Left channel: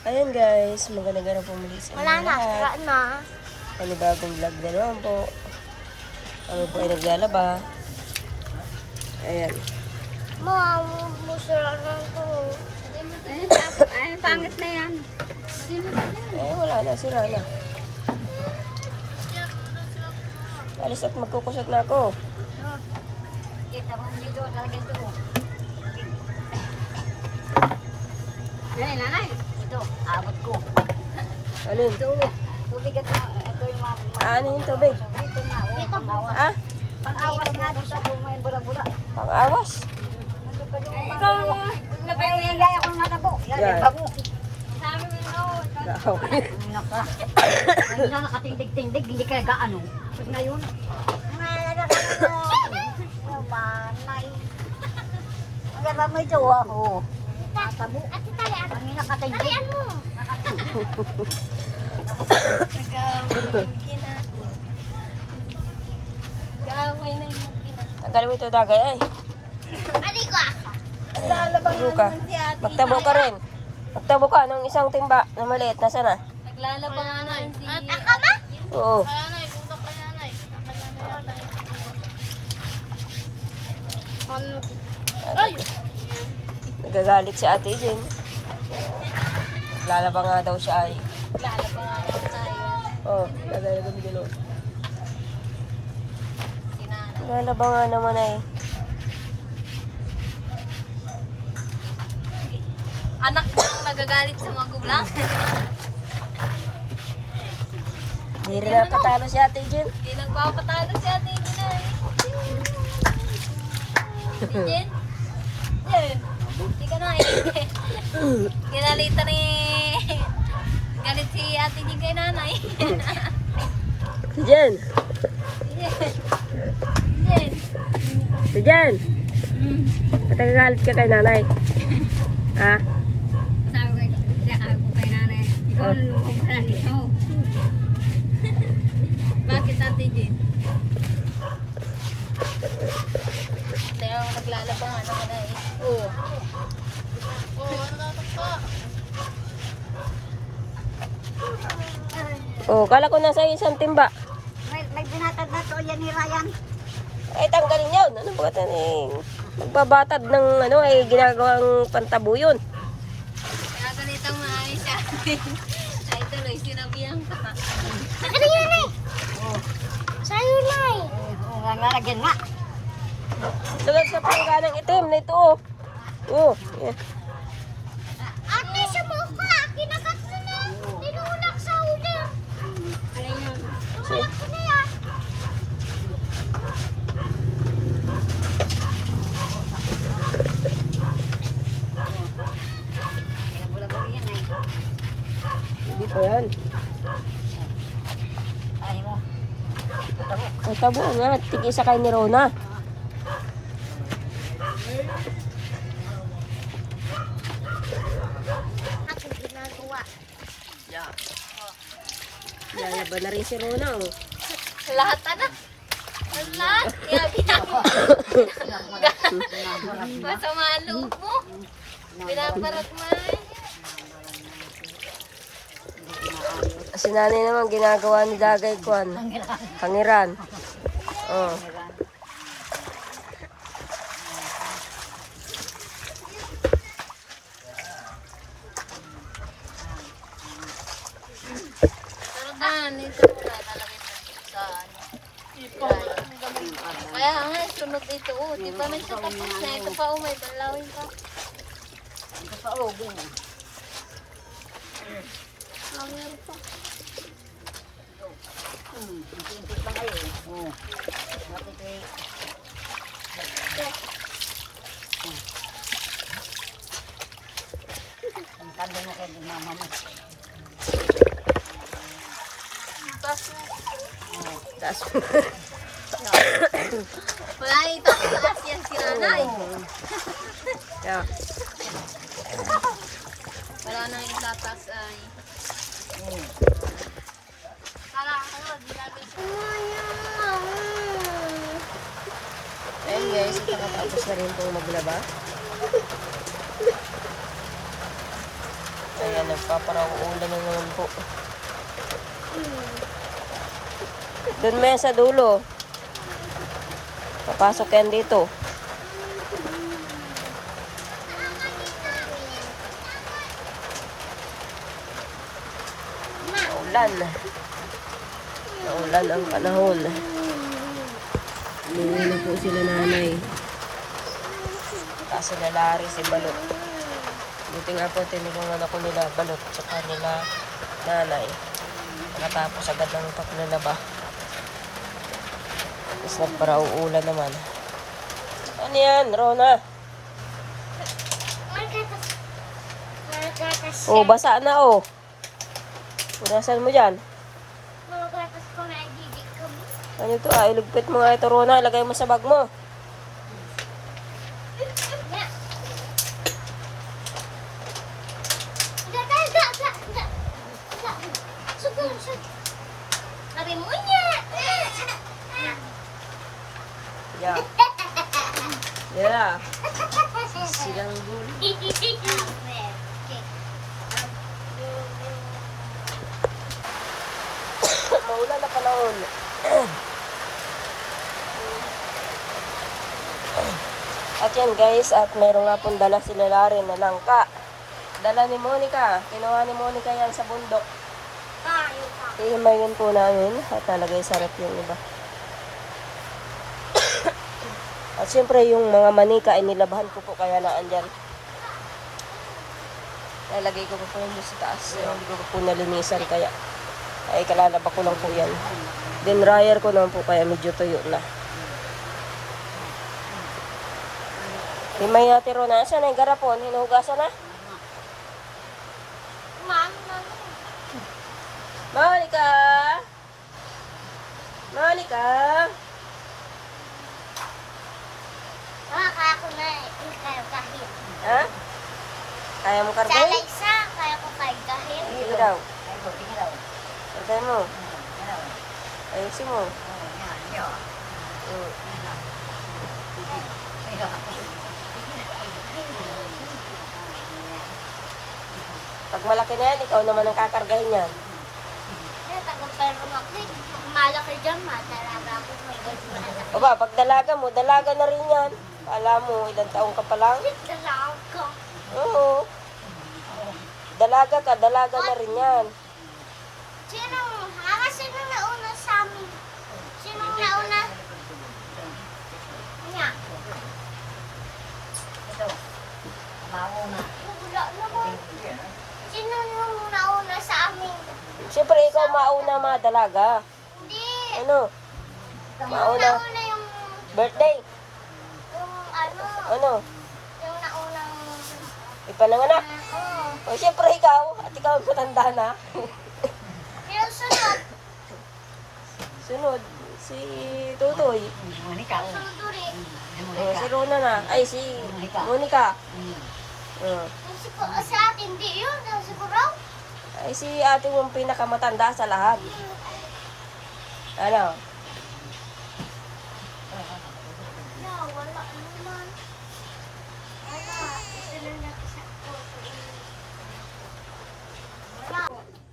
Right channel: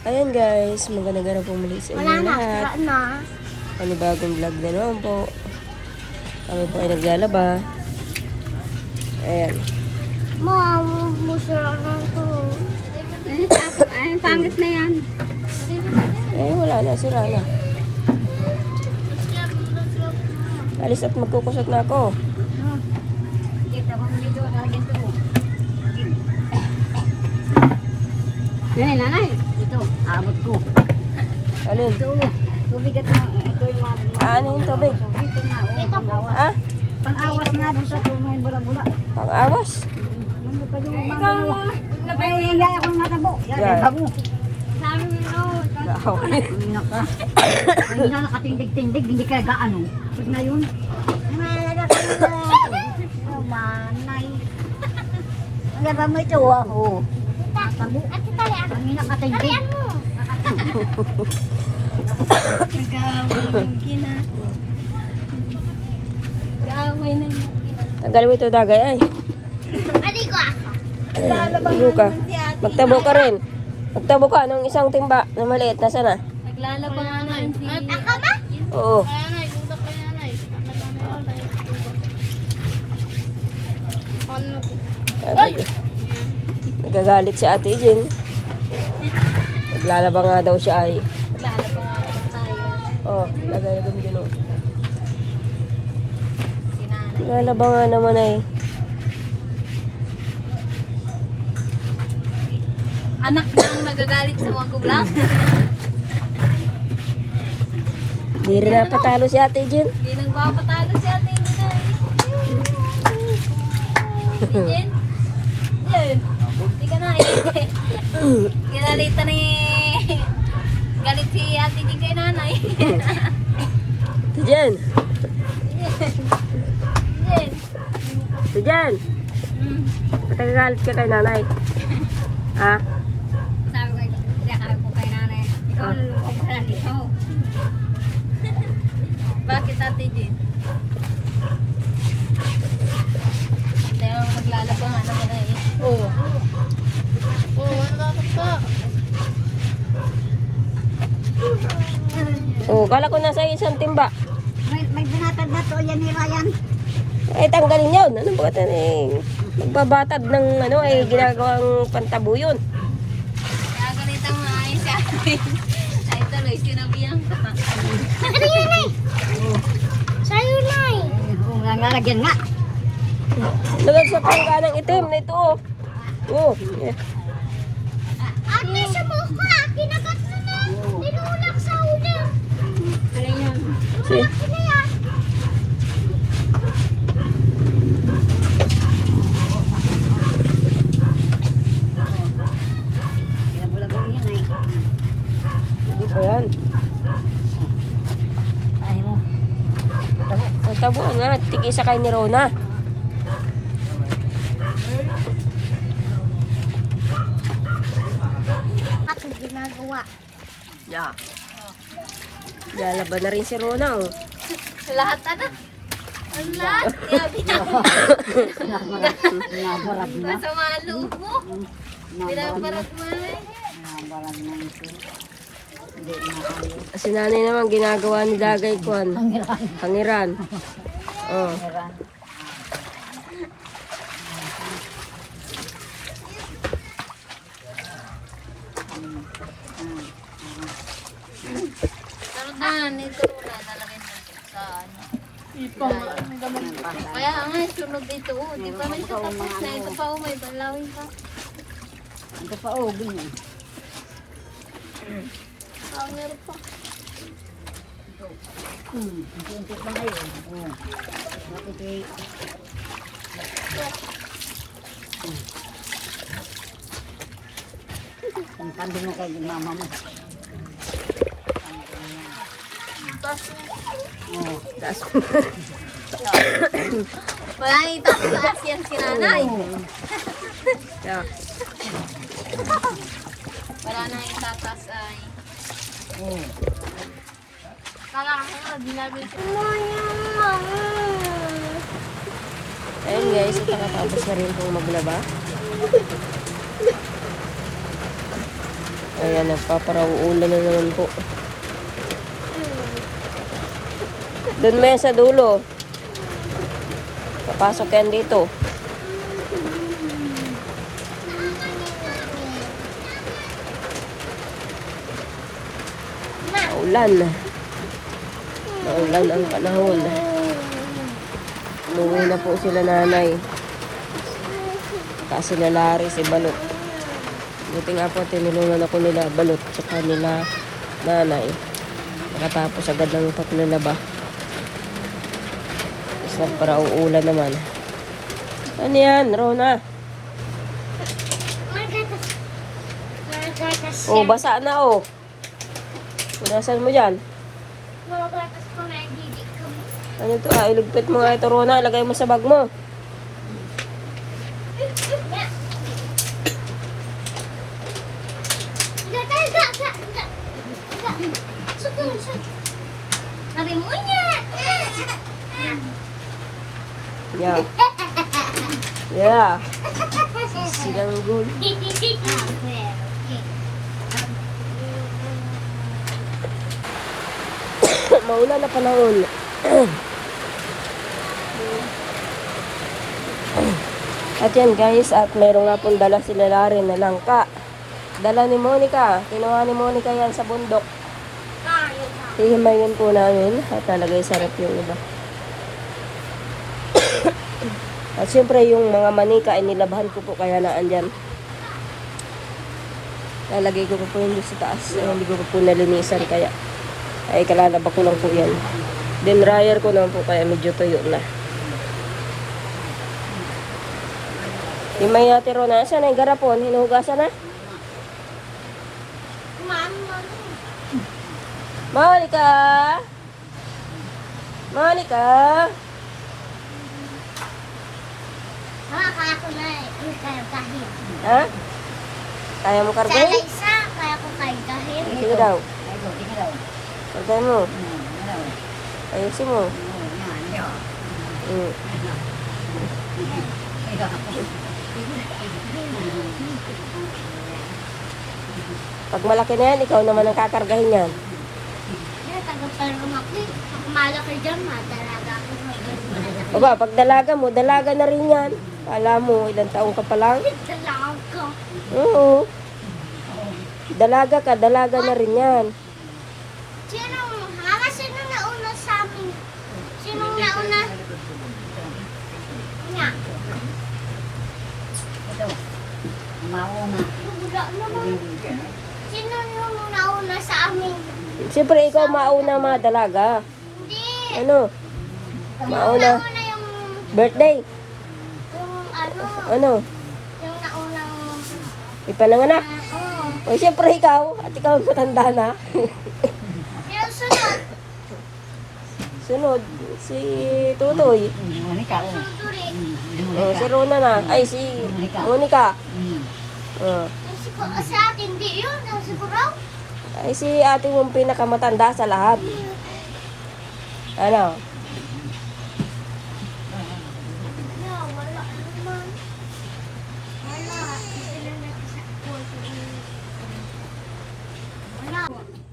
Ayan guys, magandang araw po muli sa inyo lahat. Panibagong vlog na naman po. Kami po ay naglalaba. Ayan. Mom, musira na ito. Ay, pangit na yan. Wala na, sira na. Alis at magkukusat na ako. Nanay, ito, abot ko. Alin? Ito, tubigat na. Ito yung mga. Ano yung tubig? Ito na, pang-awas. Ha? Pang-awas nga doon sa tuloy, bula-bula. Pang-awas? Nandun ka doon, ikaw mo. Napay mo yung laya kong natabo. Yan, bago. Sabi mo na, naka. Hindi na nakatindig-tindig, hindi ka gaano. Tapos ngayon, manay. Ang gaba mo ito, oh. Tabo. Ang nakatindig. Tagal mo ito dagay ay. Ano ka? Magtabo ka rin. Magtabo ka ng isang timba na maliit. Nasaan na? Naglalaba nga na si... Ako ba? Oo. Nanay, budak ka nanay. Nagagalit si Ate Jen. Naglalaba nga daw siya ay. Naglalaba nga daw tayo. Oo, naglalaba din. Naglalaba nga naman ay. Anak na ang nagagalit sa mga gublang. Hindi rin napatalo si Ate Jen. Hindi nagpapatalo si Ate Jen. Si Jen? Jen? Hindi ka na eh. Ginalita ni... Galit si Ate Jen kay nanay. Si Jen. Jen? Si Jen. Ba't nagagalit ka kay nanay? Ha? Sabi ko, sabi ko kay nanay, ikaw lulukong ka lang ito. Bakit Ate Jen? Kaya maglalaba nga naman eh. Oo. Oo, ang dapat pa. Oh, kala ko nasa isang timba. May binatad na to, yan ni Ryan. Ay, tanggalin yun. Ano ba ito eh? Nagbabatad ng ano eh, ginagawang pantabo yun. Kagalitan mo nga siya. Ay, tuloy, sinabihan ka. Ano yan ay? Sa'yo na ay. Oo nga nga, lagyan nga. Lagag sa pangga ng itim na ito. Oh. Ate, sa buka, kinagat mo na. Tinulak sa ulo. Ayan. See? Tulak na yan. Bula-bula yan ay. Ayan. Ay mo. Tabo nga, tigay sa kay ni Rona. At ginagawa. Yeah. Lalaba na rin si Rona oh. Lahat na. Ang lahat. Nabarag na. Masama ang loob mo. Binabalak mo na eh. Nabarag na ito. Hindi na ako. Si nanay naman ginagawa ni Dagay Kwan. Pangiran. Oh. Taradan, ito pula. Lalagyan natin sa kaya nga, sunod ito. Di pa man ito tapos na. Ito pa umay. Balawin pa. Ito pa ogin. Meron pa. Ito pa ngayon. Ang kando na kayo mama mo. Oh, Taas. Wala ito. Taas yan si nanay. Yeah. Wala na yung tatas ay. Kakakaka, ginagawin siya. Ayan guys, ito nakatapos na rin akong maglaba. Ayan, nagpaparauulan na naman po. Doon mo yan sa dulo. Papasok yan dito. Maulan. Maulan ang panahon. Umuwi na po sila nanay. Kasi lalari si Balot. Buti nga po, tinulungan ako nila Balot tsaka nila nanay. Nakatapos agad ng paglalaba. Tapos nagparauulan naman. Ano yan, Rona? Oh, basa na oh. Punasan mo dyan. Ano ito ah, iligpit mo nga ito Rona. Ilagay mo sa bag mo. Sabi mo niya. Yeah. Yeah. Silanggol. Maulan na panahon. At yan guys, at meron nga pong dala sila Laren na langka. Dala ni Monica. Kinuha ni Monica yan sa bundok. Hihimayin po namin at nalagay sa rep yung iba. At syempre yung mga manika ay nilabahan ko po kaya naandyan. Lalagay ko po yung sa taas. Hindi ko po nalinisan kaya ay kalalaba ko lang po yan. Then dryer ko naman po kaya medyo tuyo na. Himay natin Rona. Saan ang garapon? Hinuhugasan na? Monica! Monica! Kaya ko na yung kargahin. Ha? Kaya mo Sana kargahin? isa, kaya ko kargahin. Sige daw. Kargahin mo. Ayusin mo. Mm. Pag malaki na yan, ikaw naman ang kakargahin yan. Kaya taga-parang ako eh. Malaki dyan, matalaga ako. Baba, pag dalaga mo, dalaga na rin yan. Kala mo, ilang taong ka pa lang? Dalaw ka. Oo. Dalaga na rin yan. Sino nauna sa amin? Sino nauna? Nga. Wala naman. Sino yung nauna sa amin? Siyempre, ikaw mauna mga dalaga. Hindi. Ano? Mauna. Nauna yung Birthday. ano? Ano? Yung naunang Ipananganak. oo. O siyempre ikaw. At ikaw matanda na. Yung sunod. Sunod, si Tutoy. Turi. O, si Rona na. Ay, si Monica. O. Sa atin, hindi yun. Siguro. Ay, si ate mong pinakamatanda sa lahat. Ano?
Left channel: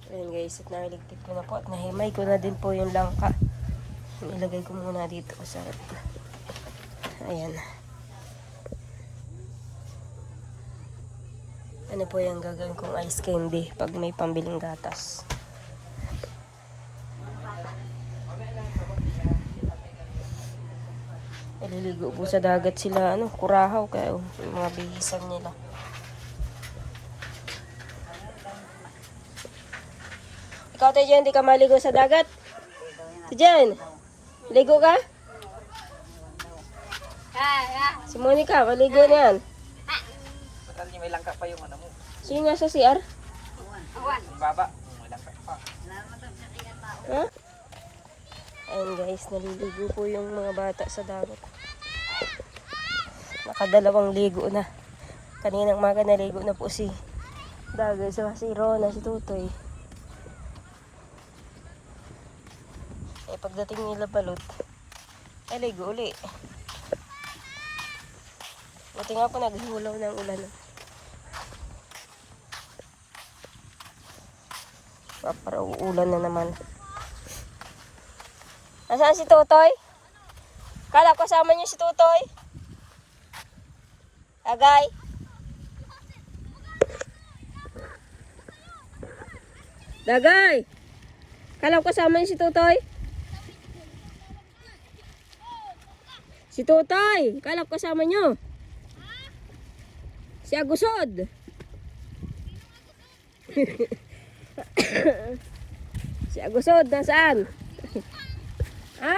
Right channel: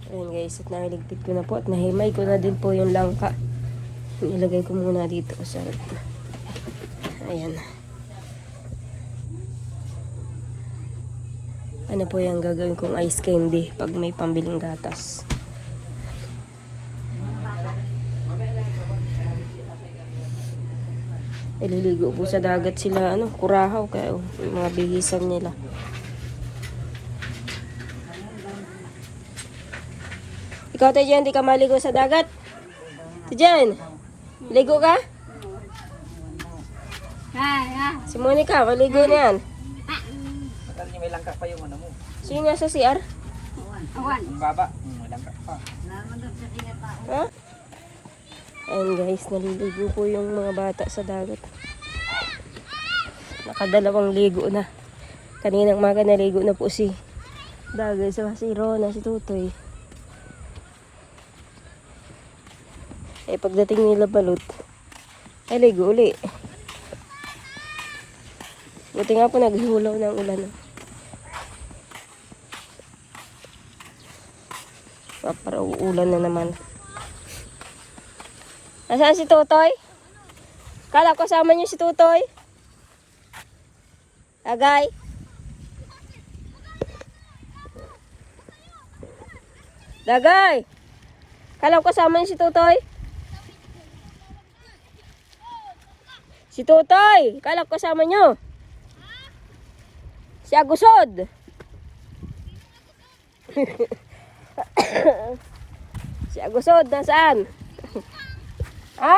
Ayan guys, at nahiligpit ko na po at nahimay ko na din po yung langka. Ilagay ko muna dito sa rep. Ayan. Ano po yung gagawin kong ice candy pag may pambiling gatas. Ililigo po sa dagat sila, ano, kurahaw kaya yung mga bihisan nila. Ikaw tayo dyan, di ka maligo sa dagat? Diyan, ligo ka? Si Monica, maligo na yan. May langka pa yung ano mo. Sino sa CR? Awan. Yung baba, may langka pa. Ha? Ayan guys, naliligo po yung mga bata sa dagat. Nakadalawang ligo na. Kaninang umaga naligo na po si Dagay, si Rona, si Tutoy. Eh pagdating nila Balot, ay ligo uli. Buti nga po naghihulaw ng ulan. Para uulan na naman. Nasaan si Tutoy? Kala ko kasama niyo si Tutoy. Agay. Dagay. Kala ko kasama niyo si Tutoy. Si Tutoy. Kala ko kasama niyo. Si Agusod. Si Agusod, nasaan? Ha?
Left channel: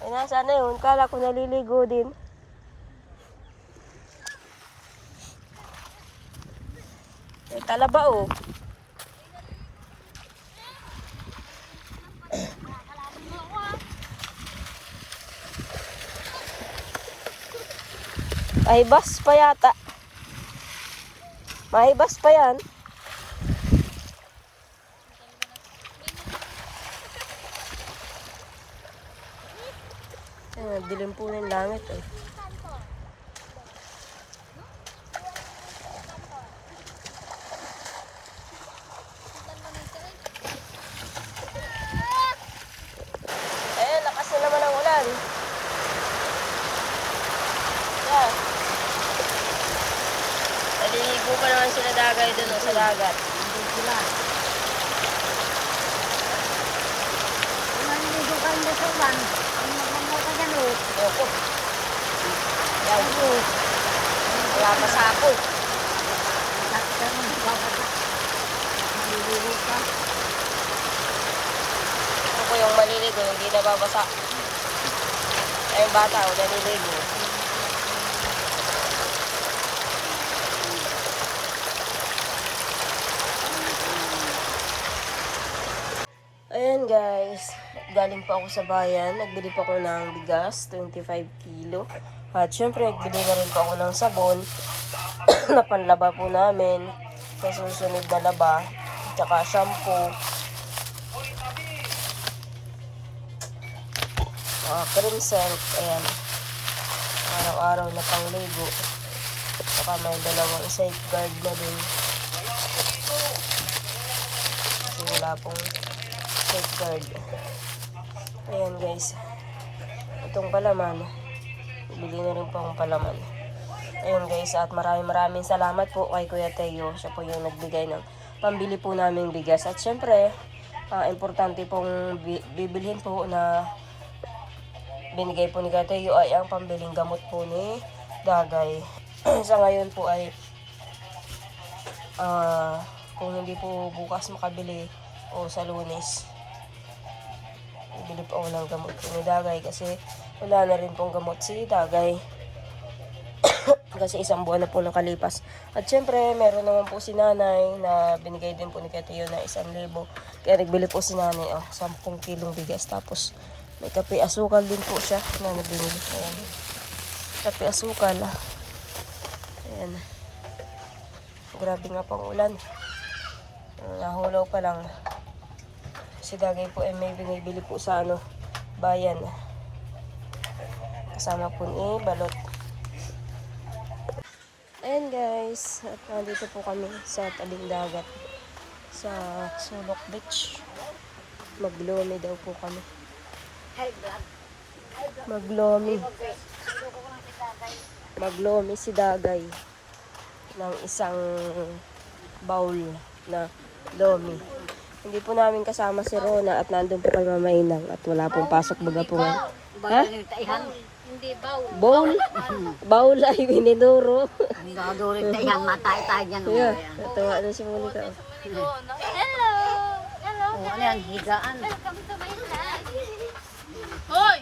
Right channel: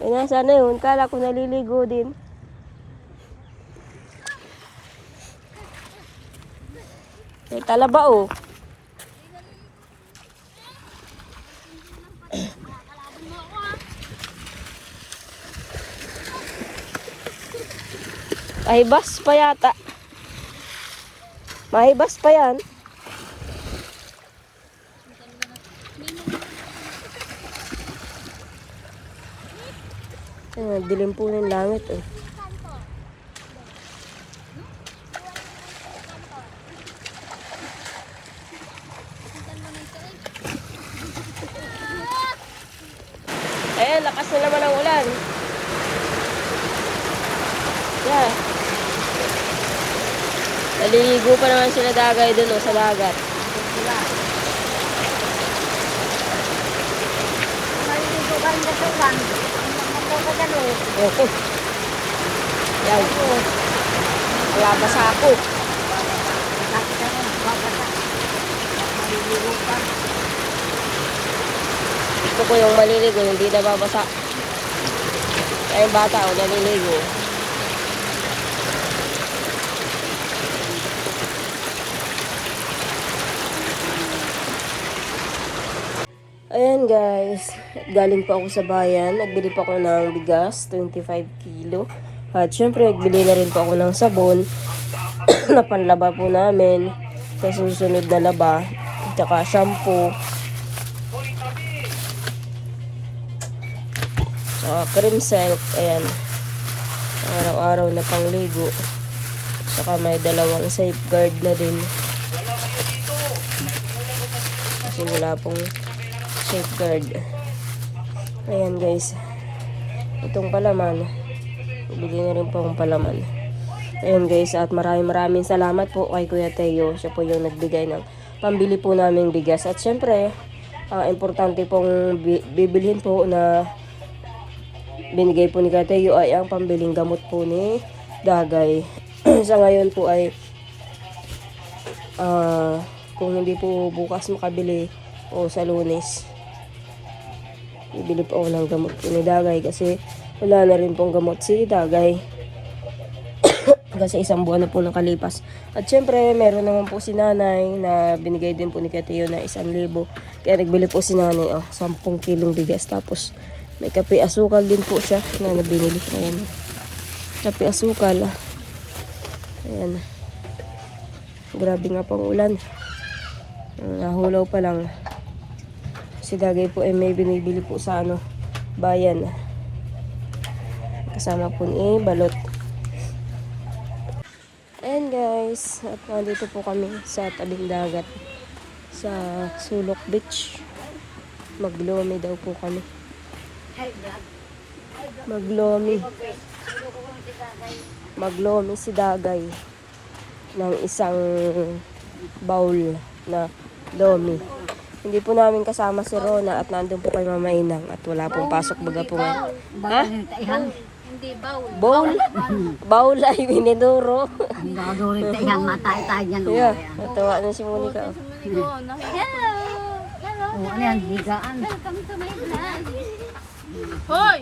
Ay, nasaan na yun? Kala ko naliligo din. May talaba oh. Mahibas pa yata. Mahibas pa yan. Dilim po ng langit eh. Ayan, lakas na naman ang ulan. Yeah. Naliligo pa naman sila Dagay dun sa dagat. Opo. Yan. Wala pa sa ako. Ito po yung maliligo, hindi na babasa. Kaya yung bata ako naliligo. Ayan guys, galing pa ako sa bayan. Nagbili pa ako ng bigas, 25 kilo. At syempre, nagbili na rin pa ako ng sabon na panlaba po namin sa susunod na laba. Tsaka shampoo. Cream silk, ayan. Araw-araw na pangligo. Tsaka may dalawang safeguard na din. Kasi wala pong safeguard. Ayan guys. Itong palaman. Bili na rin po akong palaman. Ayan guys. At maraming salamat po kay Kuya Teo. Siya po yung nagbigay ng pambili po namin bigas. At syempre, importante pong bibilhin po na binigay po ni Kuya Teo ay ang pambiling gamot po ni Dagay. Sa ngayon po ay kung hindi po bukas makabili o sa Lunes, bibili po ako ng gamot po ni Dagay kasi wala na rin pong gamot si Dagay. Kasi isang buwan na po nakalipas. At syempre, meron naman po si nanay na binigay din po ni Kuya Teo na 1,000. Kaya nagbili po si nanay 10 kilong bigas. Tapos may kape asukal din po siya na nabinili. Ayan. Kape asukal. Ayan. Grabe nga pong ulan. Nahulaw pa lang. Si Dagay po ay may binibili po sa bayan. Kasama po ni balot. Ayan guys, at nandito po kami sa tabing dagat sa Sulok Beach. Maglomi daw po kami. Maglomi si Dagay ng isang bowl na lomi. Hindi po namin kasama si Rona at nandun po kay Mama Inang at wala pong pasok baga po. Hindi, bawl. Bowl ay binidoro. Taihan, matay-tay yan. Yeah, natawa na si Monica. Hello! Hello! Ayan, higaan. Welcome to my vlog! Hoy!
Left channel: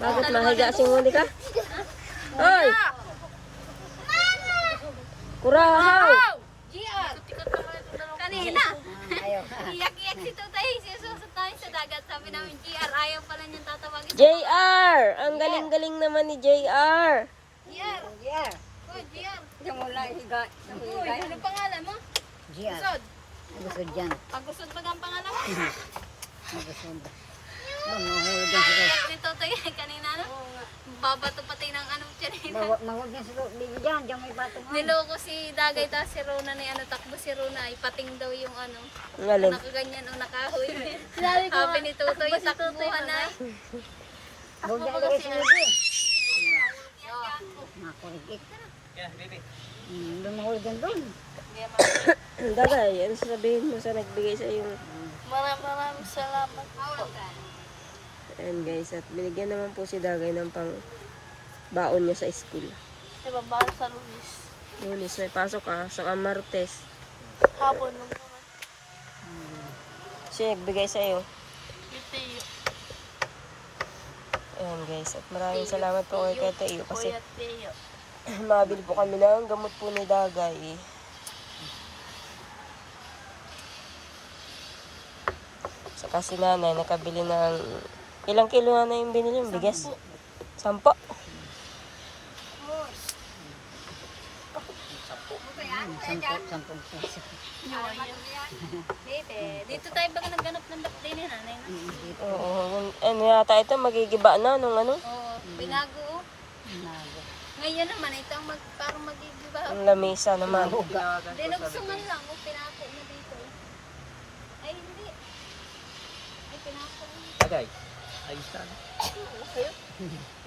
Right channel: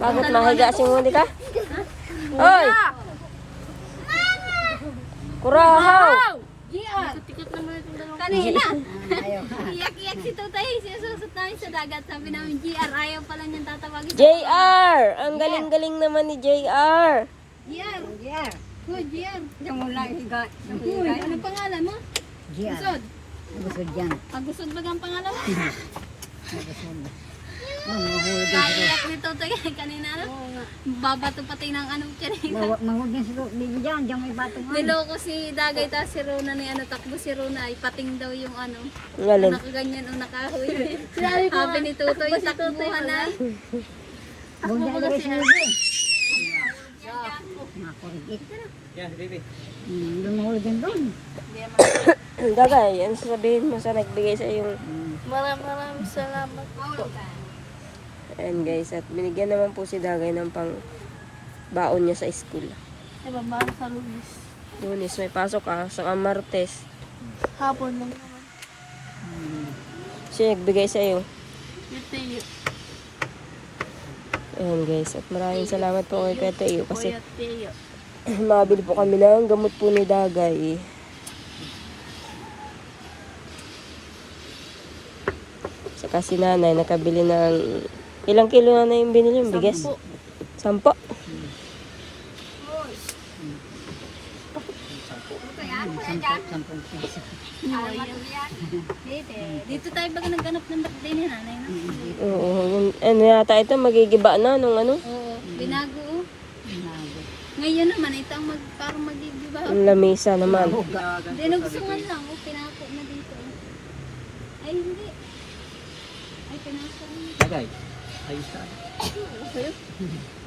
Bakit mahiga si Monica? Hoy! Kuraw! Tikot naman itong dalawang kanina. Iyak-iyak si Tutay. Sinususot namin sa dagat. Sabi namin, GR. Ayaw pala niyang tatawagin. JR! Ang galing-galing naman ni JR. GR. Hoy, GR. Yung mula higa. Hoy, ano pangalan mo? Gian. Agusod. Agusod yan. Agusod ba ang pangalan mo? Agusod. Iyak ni Tutay kanina. Nababato pati ng ano tiyan. Mawag yan siguro. Diyan may bato nga. Niloko si Dagay tapos si Rona ni ano takbo si Rona ay pating daw yung ano. Ang alin. Nakaganyan o nakahoy. Sabi ni Tutoy, takbuhan ay. Takbo ko kasi na. Nakurigit. Yan, si baby. Lumahuli dyan doon. Dagay, ano sasabihin mo sa nagbigay sa iyo? Maraming salamat po. Ayan guys, at binigyan naman po si Dagay ng pang baon niya sa school. Nababaw sa Lunes. Lunes, may pasok ka. Sa Martes. Hapon lang naman. Siya nagbigay sa iyo. Ito Ayan guys, at maraming salamat po kay Tete Iyo kasi Kuya Teo. mabili po kami ng gamot po ni Dagay. Saka si nanay nakabili ng ilang kilo na yung binili yung bigas? 10. Dito tayo bang nagganap ng bakde ni nanay na? Oo, ano yata ito, magigiba na nung ano, Oo, binago. Ngayon naman, ito ang parang magigiba. yung lamesa naman. Dinugsungan lang, pinako na dito. Ay, hindi. Ay, pinako na. Tagay. Ayos na.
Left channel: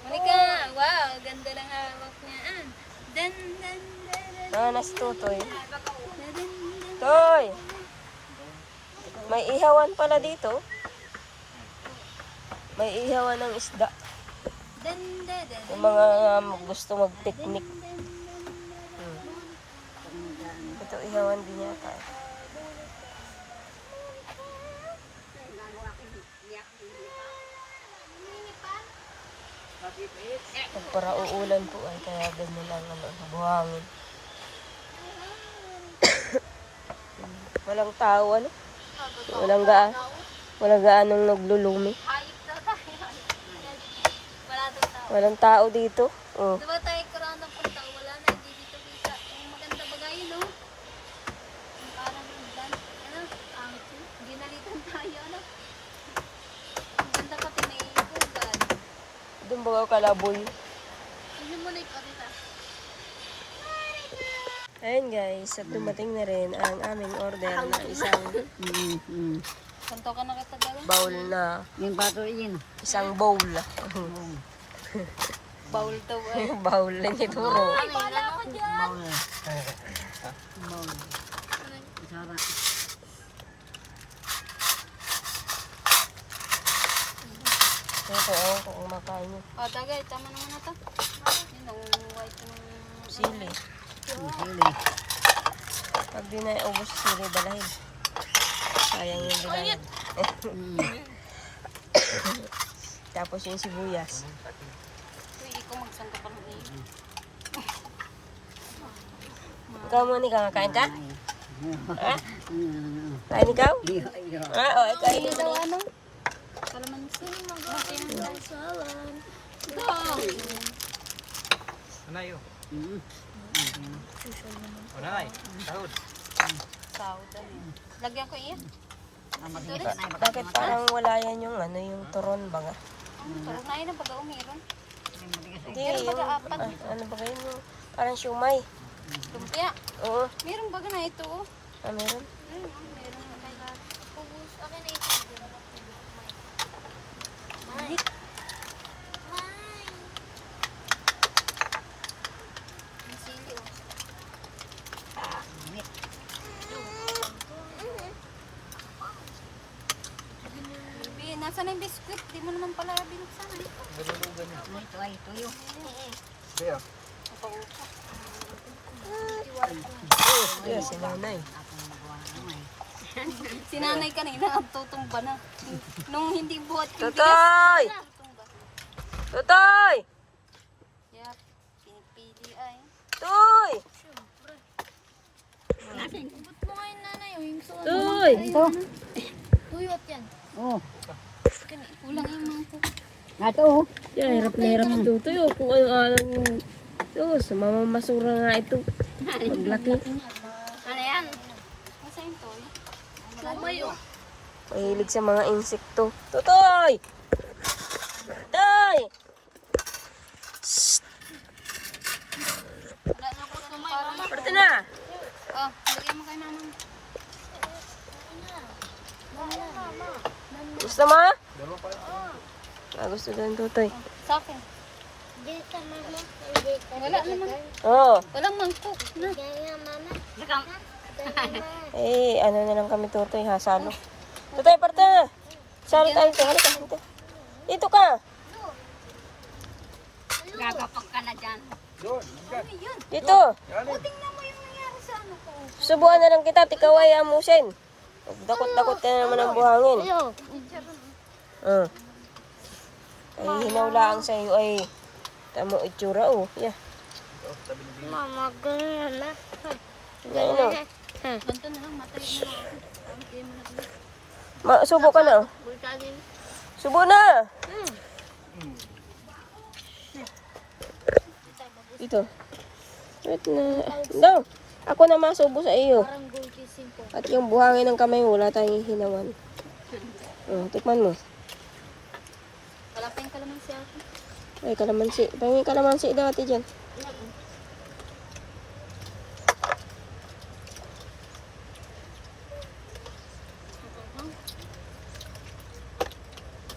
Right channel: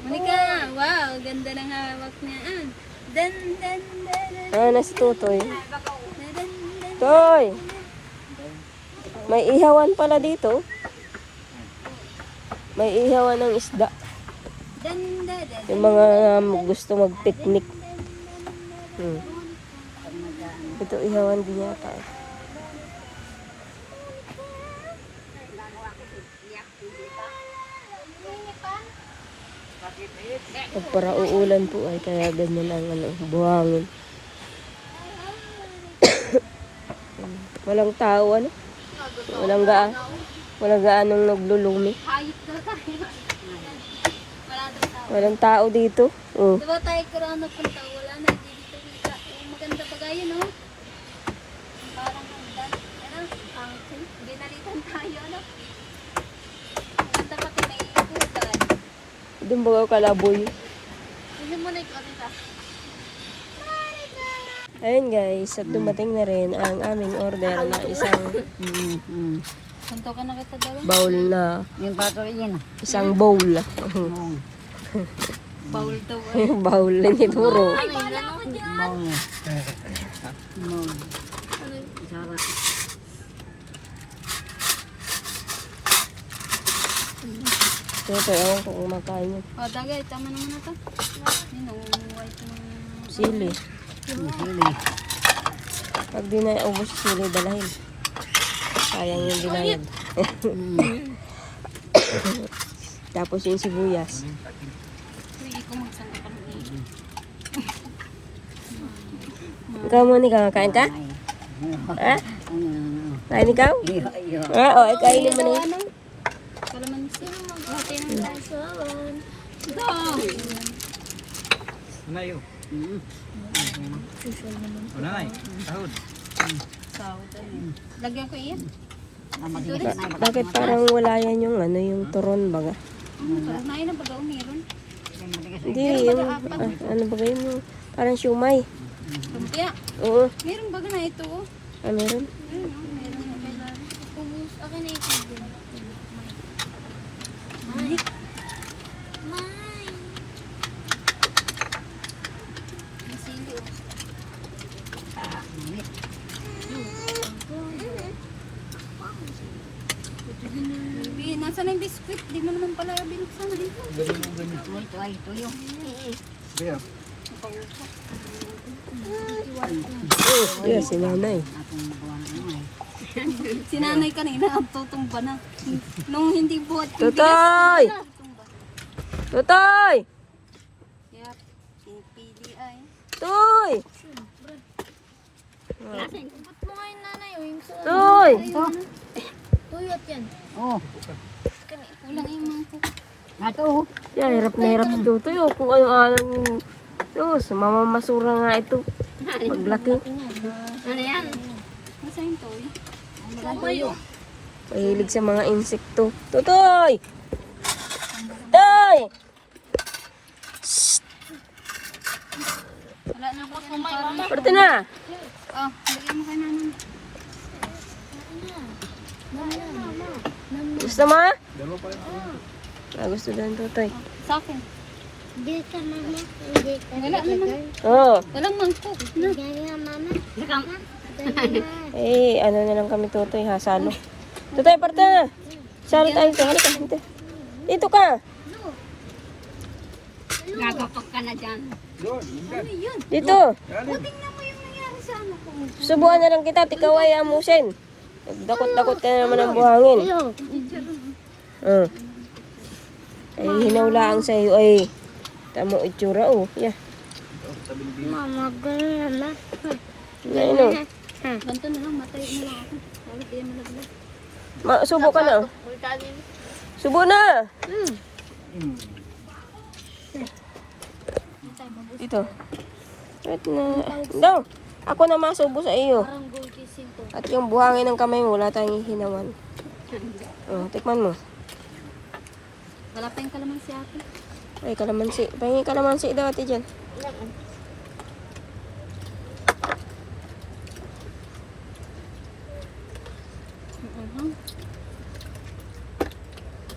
Monica, wow, ganda ng hawak niya. Dan. Ah, na si Tutoy. Toy! May ihawan pala dito. May ihawan ng isda. Dan. Yung mga gusto mag-picnic. Ito ihawan din yata. Pag para uulan po ay kaya ganyan ang ano, buhangin. Walang tao ano? Walang gaanong naglulumi. Hayop daw tayo. Wala daw tao. Walang tao dito. Oh. Diba tayo kurano punta? Wala na, hindi dito kita. Maganda pa kayo, no? Parang ganda. Hindi na rin tayo, no? Maganda pa kayo na iiputan. Doon ba kalaboy? Hindi mo na ikaw dito. Ayun guys, at dumating na rin ang aming order na isang Santo ka na kita daw. bowl na, Yung bato yan. isang bowl. Baul daw. Yung bowl na ituro. Ay, wala naman dyan. Maul. Maul. Sarap. Ito, ewan ko kung makain yun. Dagay, tama naman na to. Yun, nangunguhay ito. Sili. Hili. Pag di na ubos sili, dalahin. Sayang yung binayad. Tapos yung sibuyas. Pwede ko magsangka ka ng tubig. Ikaw mo, ikaw, kain ka? Ha? Kain ikaw? O, kainin mo na yun. Kalamansi. Okay na tayo sa awan. Go! Unayo. Unay. Sahod. Lagyan ko iyan. Bakit parang wala yan yung ano, yung turon baga? Nain na baga umiron. Hindi, yung, ano baga yun, yung parang siumay. Yeah, Oo, meron baga na ito. meron. Ubus. Akin na ito. Ay. Nasaan yung biscuit? Di mo naman pala binuksan na dito. Ito ay tuyo. Beer. Yes, si nanay. Akong magawa ng ano eh. Si nanay kanina nagtutumba na. Nung hindi buhat yung Tutoy! Tutoy! Yep, pinipili ay. Toy! Ba't mo nga yung nanay o yung suwan? Toy! Tuyot yan. Oh. Kulang yung mga ko. Nato. Yan, hirap na hirap si Tutoy. Oh, kung ano-ano. Diyos, mamamasura nga ito. Maglaki. Ano yan? Masa yung toyo? Tuyo. Mahilig sa mga insekto. Tutoy! Toy! na. Ah, bigyan mo ka naman. Gusto mo? Gusto daw ng tutoy. Sa akin. Hindi ka, mama. Hindi ka. Wala naman. Oo. Walang mangkok. Na. Hindi ka, mama. Eh, ano na lang kami tutoy ha, salo. Tutoy, parte na. Salo tayo dito. Halika, dito. Dito ka. Gagapak ka na dyan. Ano yun? Dito. O, tingnan mo yung nangyari sa ano ko. Subukan na lang kita, tikaw ay amusin. Dakot-dakot ka na naman ng buhangin. Ay, hinawlaan sa iyo ay tamo itsura oh. Yeah. Mama, gano'n na. Ano? Ganito na lang, matayo na lang ako. Tawag kayo malaglag. Subo ka na oh. Subo na. Ito. Ito na. Ito. Ako na masubo sa iyo. At yung buhangin ng kamay mo, wala tayong hinawan. Tikman mo. Wala pa yung kalamansi ako. Ay, kalamansi. Pahingin kalamansi daw ate dyan.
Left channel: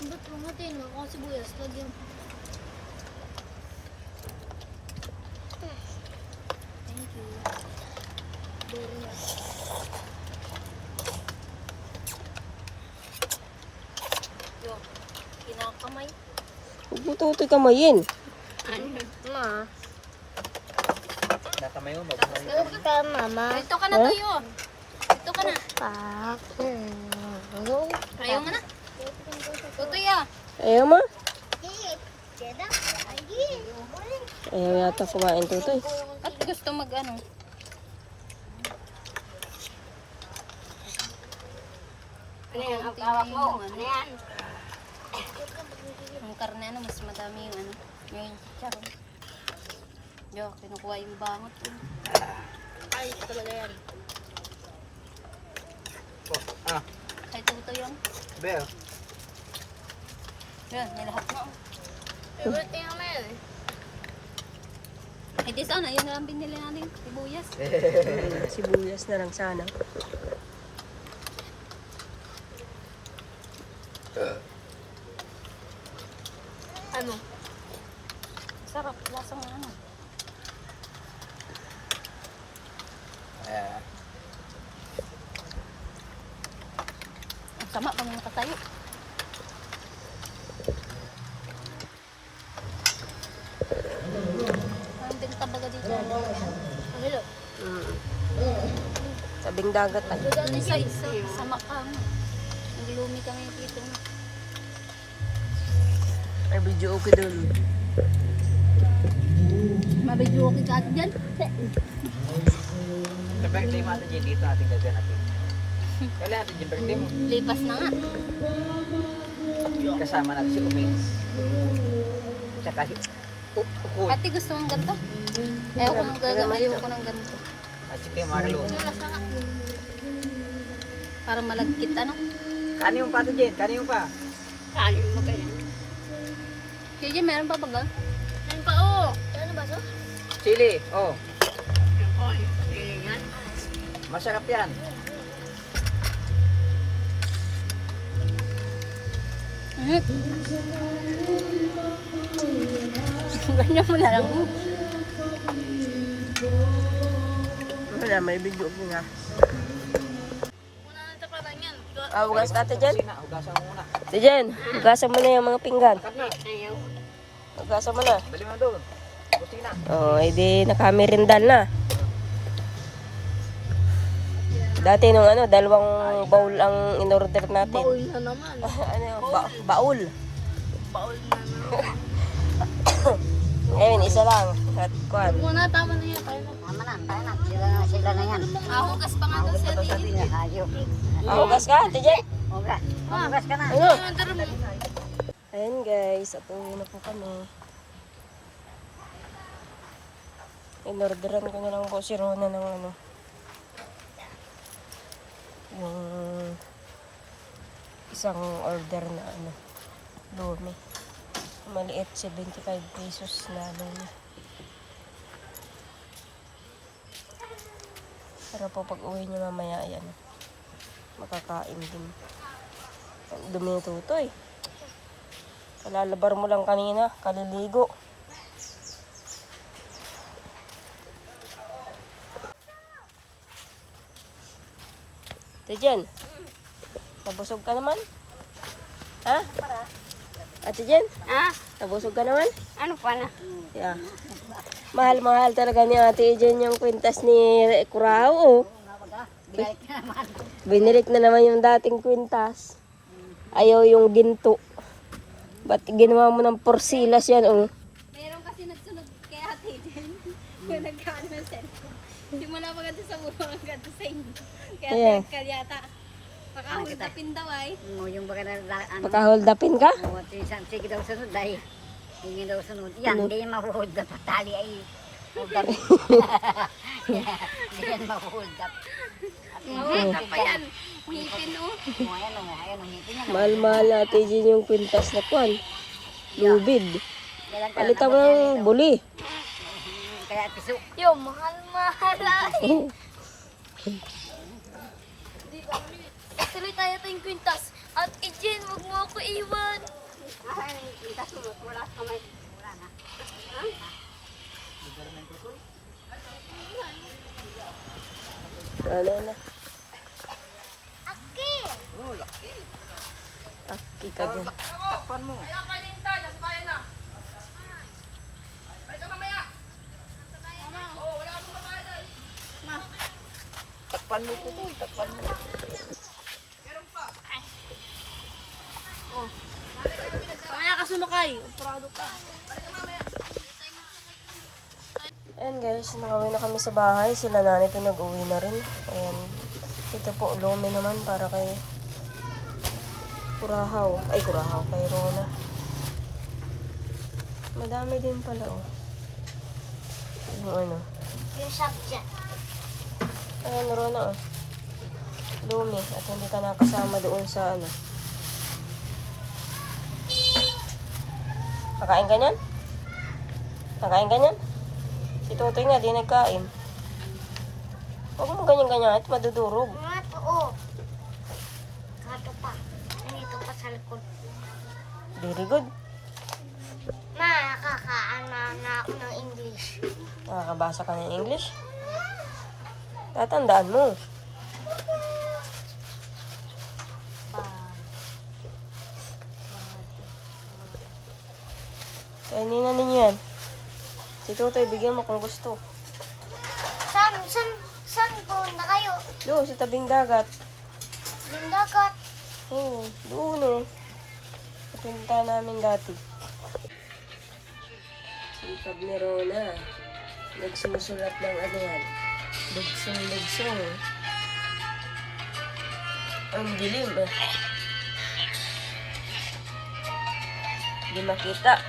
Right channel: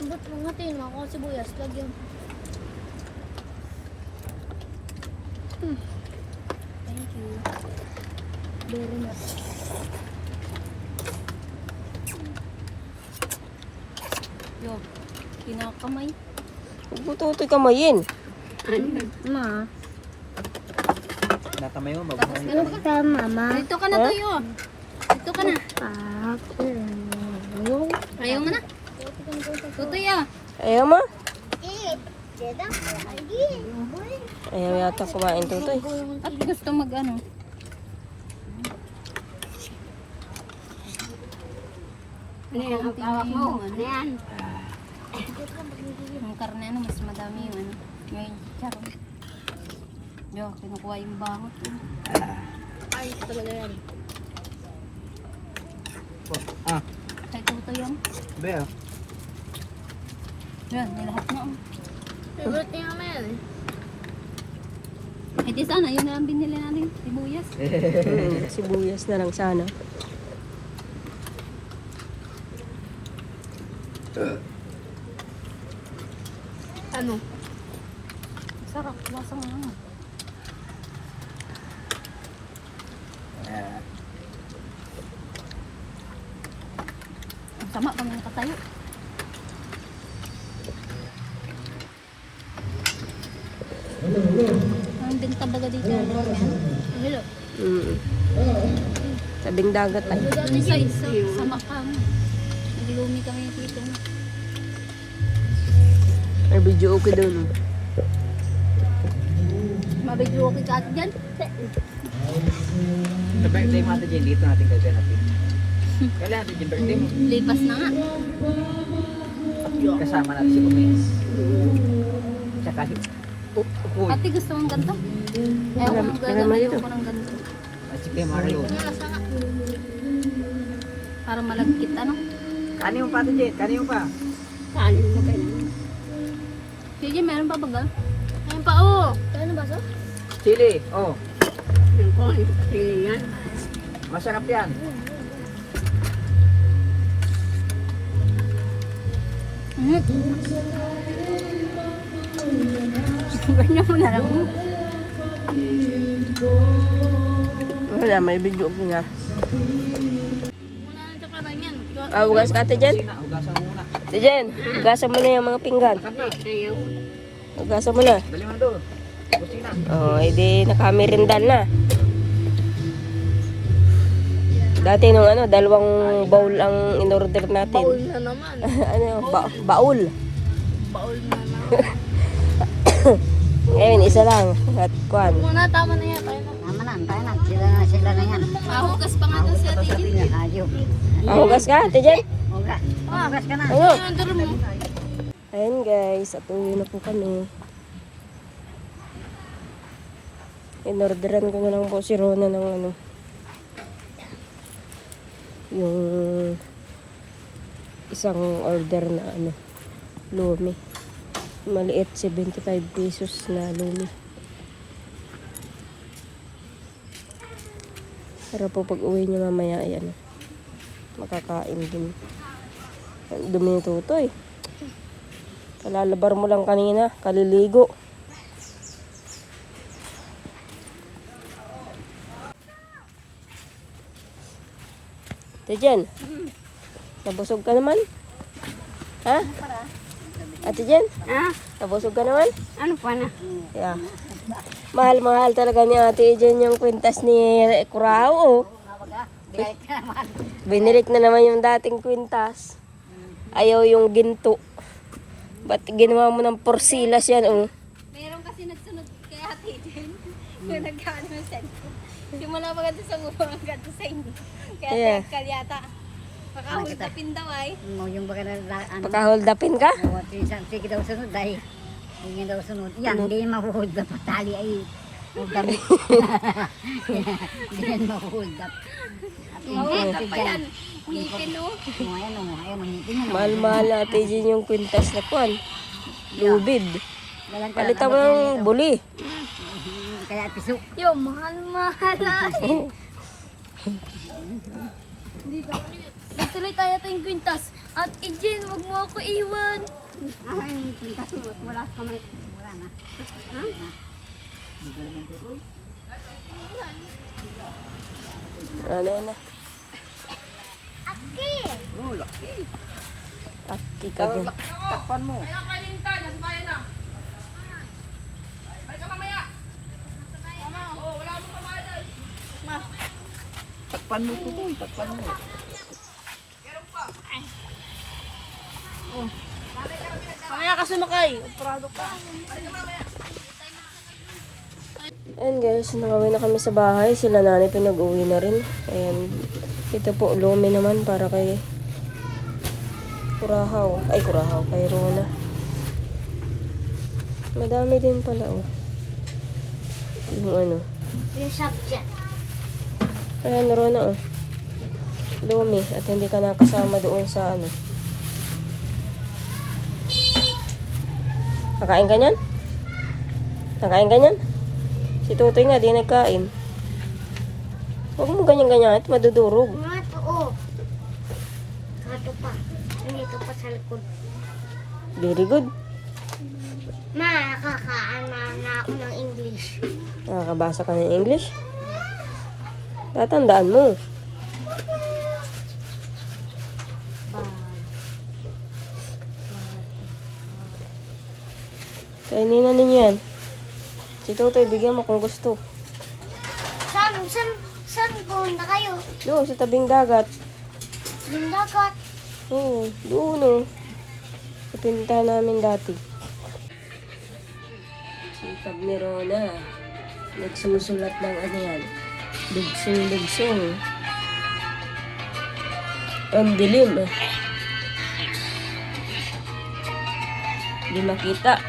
Ba't hangatin ako sibuyas? Lagyan. Yo, kinakamay. Bututi kamayin. Ma. Natamay mo, Tapos mabuhay. Ka, mama. dito ka na tayo. Dito ka na. Ako. Ayaw mo na. Tutoy ah. Ayaw mo? Ayaw yata kumain tutoy. At gusto mag ano. Ano yan? Ang kawak mo. Ano yan? Ang karne ano, mas madami yung ano. Yung chicharon. Yo, kinukuha yung bawat. Ano talaga yan? Ah, Kaya tutoy yun. Bea. Yan, nilahat mo. Favorite niya kami yan eh. Hindi sana, yun na lang binili natin. Sibuyas. Sibuyas na lang sana. Ano? Sarap. Lasa mo naman. Ang sama ka na nakatayo. Ang benta baga dito yung yan. Hello. Sabing dagat ay. Isa-isa. Sama ka mo. Naglumi kami yung tito mo. May video okay doon. Mabigyo ko ka dyan. Sa birthday mo ate Jen, dito natin gaganapin. Kailan ate Jen, birthday mo? Lipas na nga. Kasama natin si Kumis. Tsaka si Uy. Ate gusto mong ganito? Alam mo ito. ko ng ganito. At si Kay Marlo. Para malagkit ano. Kanin mo pa ate Jen, kanin mo pa. Kanin mo kayo. Sige, meron pa ba ba? Meron pa, oh. Ano ba to? Chili, oh. Yung ko, pili yan. Masarap yan. Ganyan mo na lang. Wala, may video okay nga. Muna nito pa lang yan. Hugas ka ate Jen. Hugasan mo muna. Ate Jen, hugasan mo na yung mga pinggan. Ayaw. Hugasan mo na. Dali mo doon. Kusina. Ay di nakamirindan na. Dati nung ano, dalawang bowl ang in-order natin. Ano, baul. Baul na na. Ngayon, isa lang. At kwan. Muna, tama na yan. Tama na, tayo na. Sila na yan. Hugas pa nga doon sa tigil. Ayaw. Hugas ka, ate Jen. Hugas. Hugas ka na. Ano? Yung drum mo. Ayan guys, at uwi na po kami. In-orderan ko na lang po si Rona ng ano. Yung isang order na ano, lumi. Maliit, 75 pesos na lumi. Para po pag uwi niyo mamaya ay ano, makakain din. Ang dumi ni Tutoy. Kalalabar mo lang kanina, kaliligo. Ate Jen, nabusog ka naman? Ha? Ate Jen, nabusog ka naman? Ano pa na? Yeah. Mahal-mahal talaga ni Ate Jen yung kwintas ni Kurao. Binirik na naman yung dating kwintas. Ayaw yung ginto. Pati ginawa mo ng porsilas yan, oh. Meron kasi nagsunod kay Ate Jen. Yung nagkano ng cellphone. Hindi mo na maganda sa muro ang ganda sa inyo. Kaya Yeah. tekal yata. Makahulog na pindaw ay. Mo yung baka na ano. Naka-hold upin ka? Sige daw sunod ay. Hindi daw sunod. Yan, hindi mahuhold up. Tali ay magdamit. Hindi yan mahuhold up. Mahulog na pa yan. Ngipin no? Ayan o, ayan ang ngipin yan o. Mahal-mahal na Ate Jen yung kwintas na kuwan. Lubid. Kailan ka Palitan mo yung buli. Kaya piso. Yo, mahal-mahal ay. Dito. Tuloy tayo tayong kwintas. At Jen, wag mo ako iwan. Yung pintas mo, wala ka may. Wala na. Ano na? Aki ka dyan. Takpan mo. Takpan mo po, takpan mo. Mamaya ka sumakay. Ayan guys, nakawin na kami sa bahay. Sila nanay po nag-uwi na rin. Ayan. Ito po, lumi naman para kay Kurahaw. Ay, Kurahaw. Kay Rona. Madami din pala, oh. Yung ano. Yung subject. Ayan, Rona, oh. Lumi. At hindi ka nakasama doon sa ano. Nakain ka niyan? Nakain ka niyan? Si Tutoy nga, di nagkain. Huwag mo ganyan-ganyan at madudurog. Mato, oh. Kato pa. Dito pa sa likod. Very good. Ma, nakakaana na ako ng English. Nakakabasa ka ng English? Tatandaan mo. Kainin na ninyo yan. Si Tutoy, bigyan mo kung gusto. Saan pumunta kayo? Doon, sa tabing dagat. Lindagat. Oo, doon o. Sa pinuntahan namin dati. Sipag ni Rona. Nagsusulat ng ano yan. Dugsong-dugsong. Ang dilim. Hindi makita.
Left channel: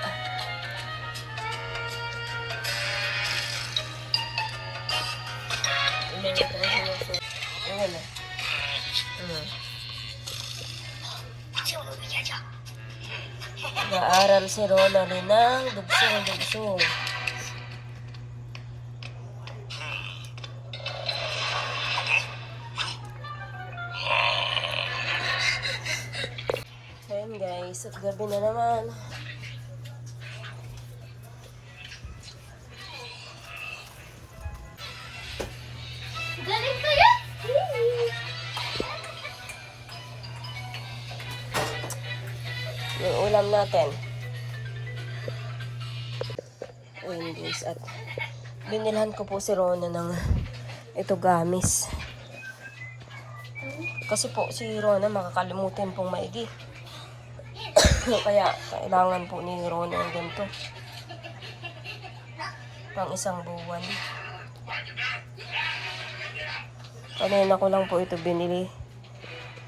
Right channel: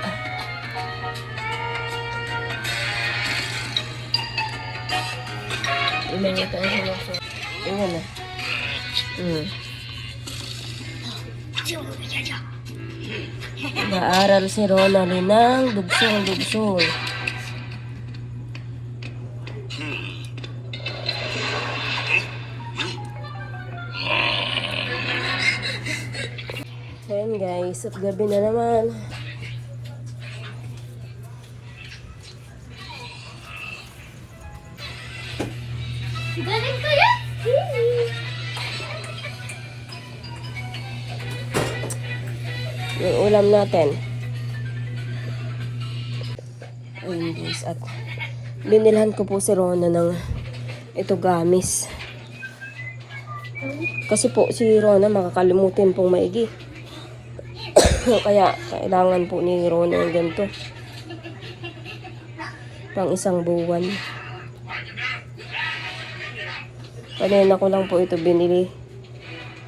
Ilangan tayo sa mga. Tingnan na. Nag-aaral si Rona rin ng dugsong-dugsong. Ayan guys, at gabi na naman. Galing kayo? Yung ulam natin. Ayan guys, at binilhan ko po si Rona ng ito gamis. Kasi po si Rona makakalimutin pong maigi. Kaya kailangan po ni Rona yung ganito. Pang isang buwan. Kanina ko lang po ito binili.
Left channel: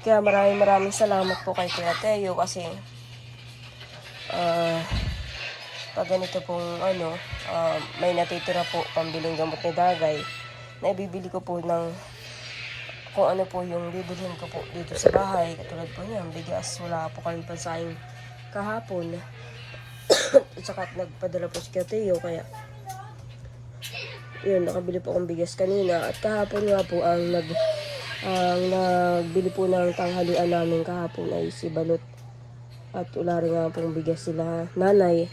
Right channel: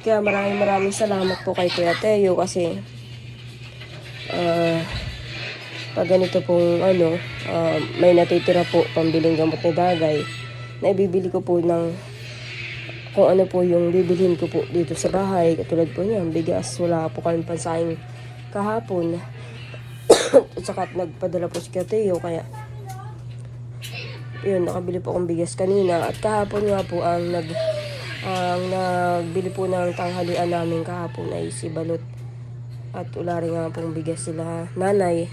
Kaya maraming salamat po kay Kuya Teo kasi pag ganito pong ano, may natitira po pambiling gamot ni Dagay na ibibili ko po ng kung ano po yung bibilhin ko po dito sa bahay. Katulad po niyan, bigas. Wala po kami pansahing kahapon. At saka nagpadala po si Kuya Teo kaya yun, nakabili po akong bigas kanina. At kahapon nga po, ang nagbili po ng tanghalian namin kahapon ay si Balot. At wala rin nga pong bigas sila nanay.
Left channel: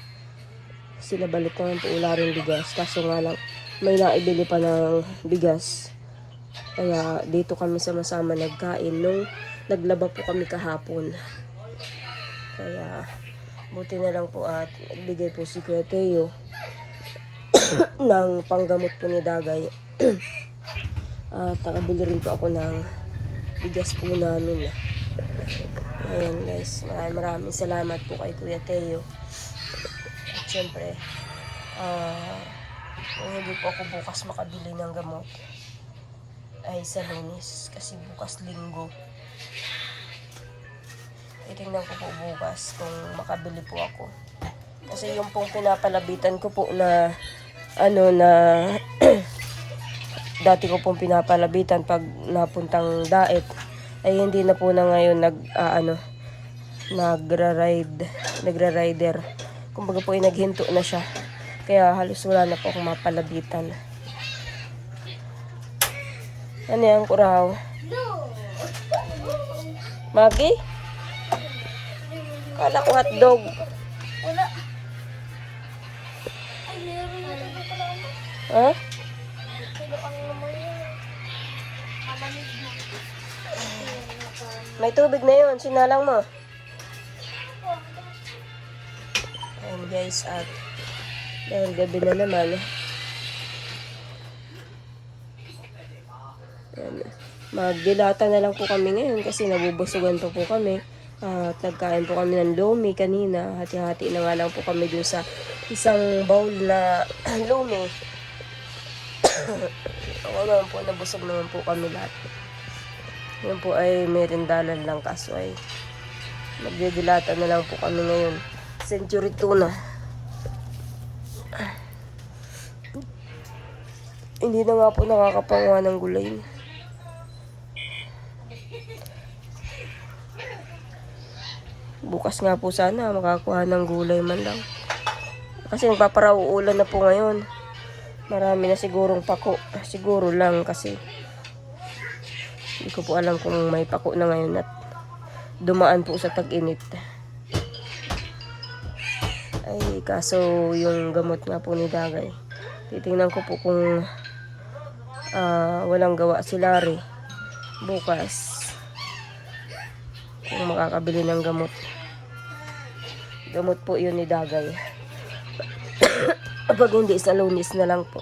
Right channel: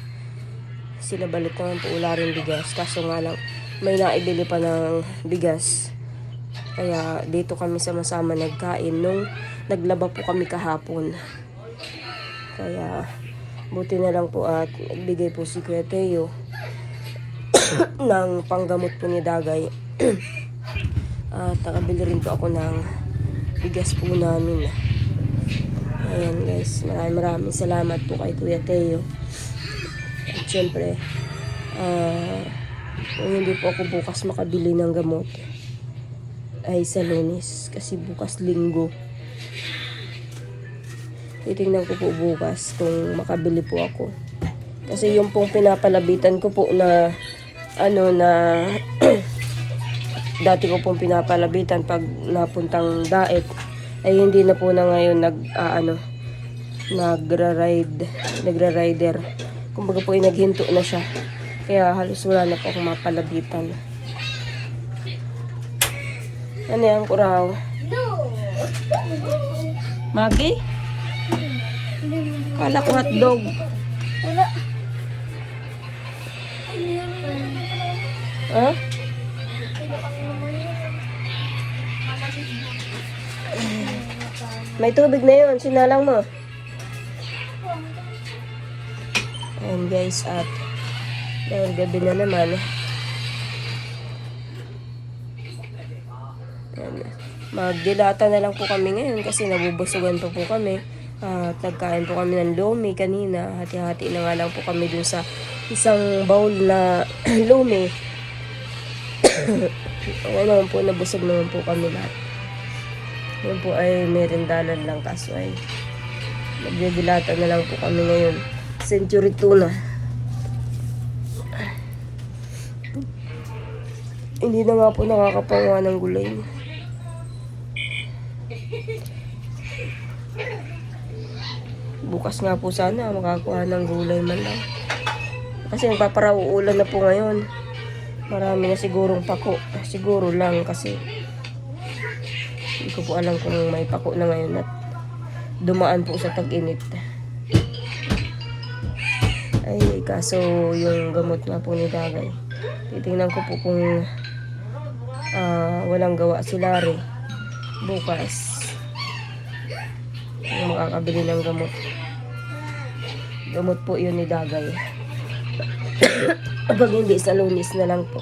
Sila Balot ang wala rin bigas. Kaso nga lang, may naibili pa ng bigas. Kaya dito kami sama-sama nagkain nung naglaba po kami kahapon. Kaya buti na lang po at nagbigay po si Kuya Teo ng panggamot po ni Dagay. At nakabili rin po ako ng bigas po namin. Ayan guys, maraming salamat po kay Kuya Teo. At syempre, kung hindi po ako bukas makabili ng gamot ay sa Lunes kasi bukas Linggo. Titingnan ko po bukas kung makabili po ako. Kasi yung pong pinapalabitan ko po na dati ko pong pinapalabitan pag napuntang daet ay hindi na po na ngayon nagra-rider. Kumbaga po ay naghinto na siya. Kaya halos wala na po akong mapalabitan. Ano yan, Kuraw? Maggie? Kala ko hotdog. Wala. Ha? May tubig na yun. Sinalang mo. Ayan guys, at gabi na naman. Magdilata na lang po kami ngayon kasi nabubusugan pa po kami. Kakain po kami ng lomi kanina. Hati-hati na nga lang po kami doon sa isang bowl na lomi. Okay naman po, nabusog naman po kami lahat. Yun po ay merindalan lang kaso ay nagdidilata na lang po kami ngayon. Century tuna. Hindi na nga po nakakapangawa ng gulay. Bukas nga po sana makakuha ng gulay man lang. Kasi paparauulan na po ngayon. Marami na sigurong pako. Siguro lang kasi hindi ko po alam kung may pako na ngayon at dumaan po sa tag-init. Ay, kaso yung gamot nga po ni Dagay. Titingnan ko po kung walang gawa si Larry bukas. Kung makakabili ng gamot. Gamot po yun ni Dagay. Kapag hindi sa Lunes na lang po.